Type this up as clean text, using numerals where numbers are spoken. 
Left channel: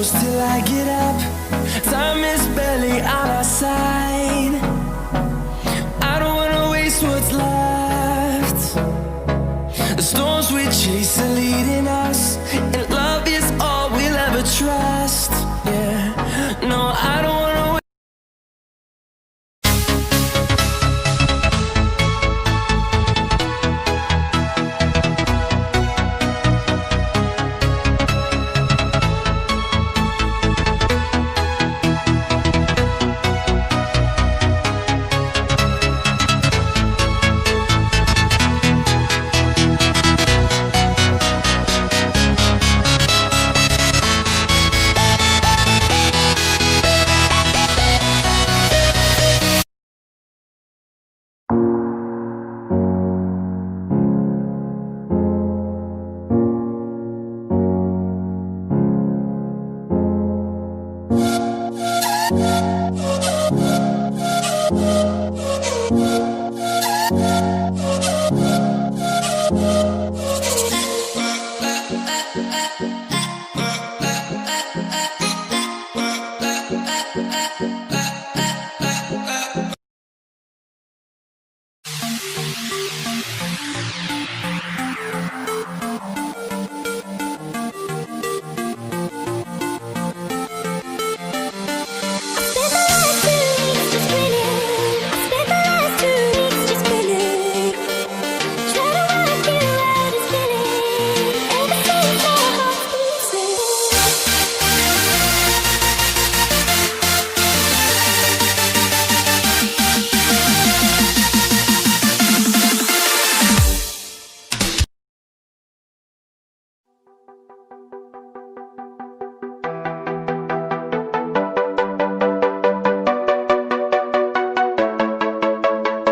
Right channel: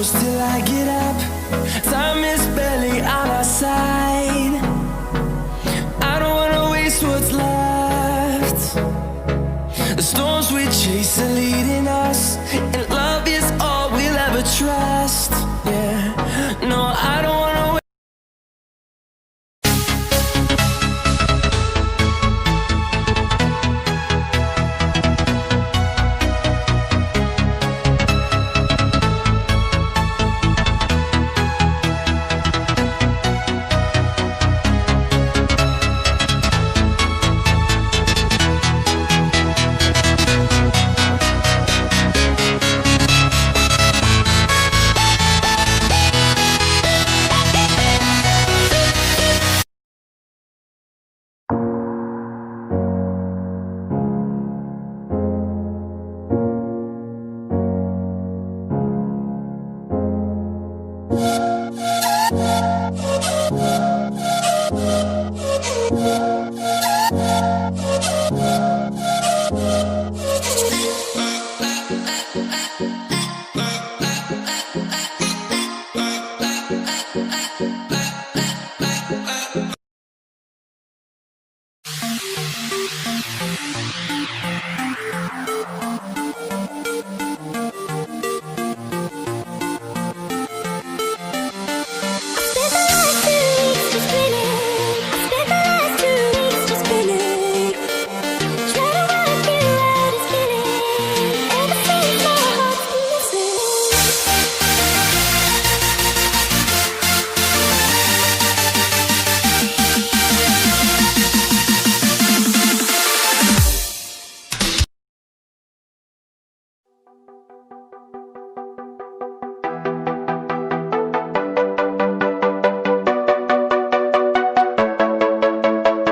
close till I get up. Time is barely on our side. I don't wanna waste what's left. The storms we chase are leading us, and love is all we'll ever trust. Yeah, no, I don't wanna I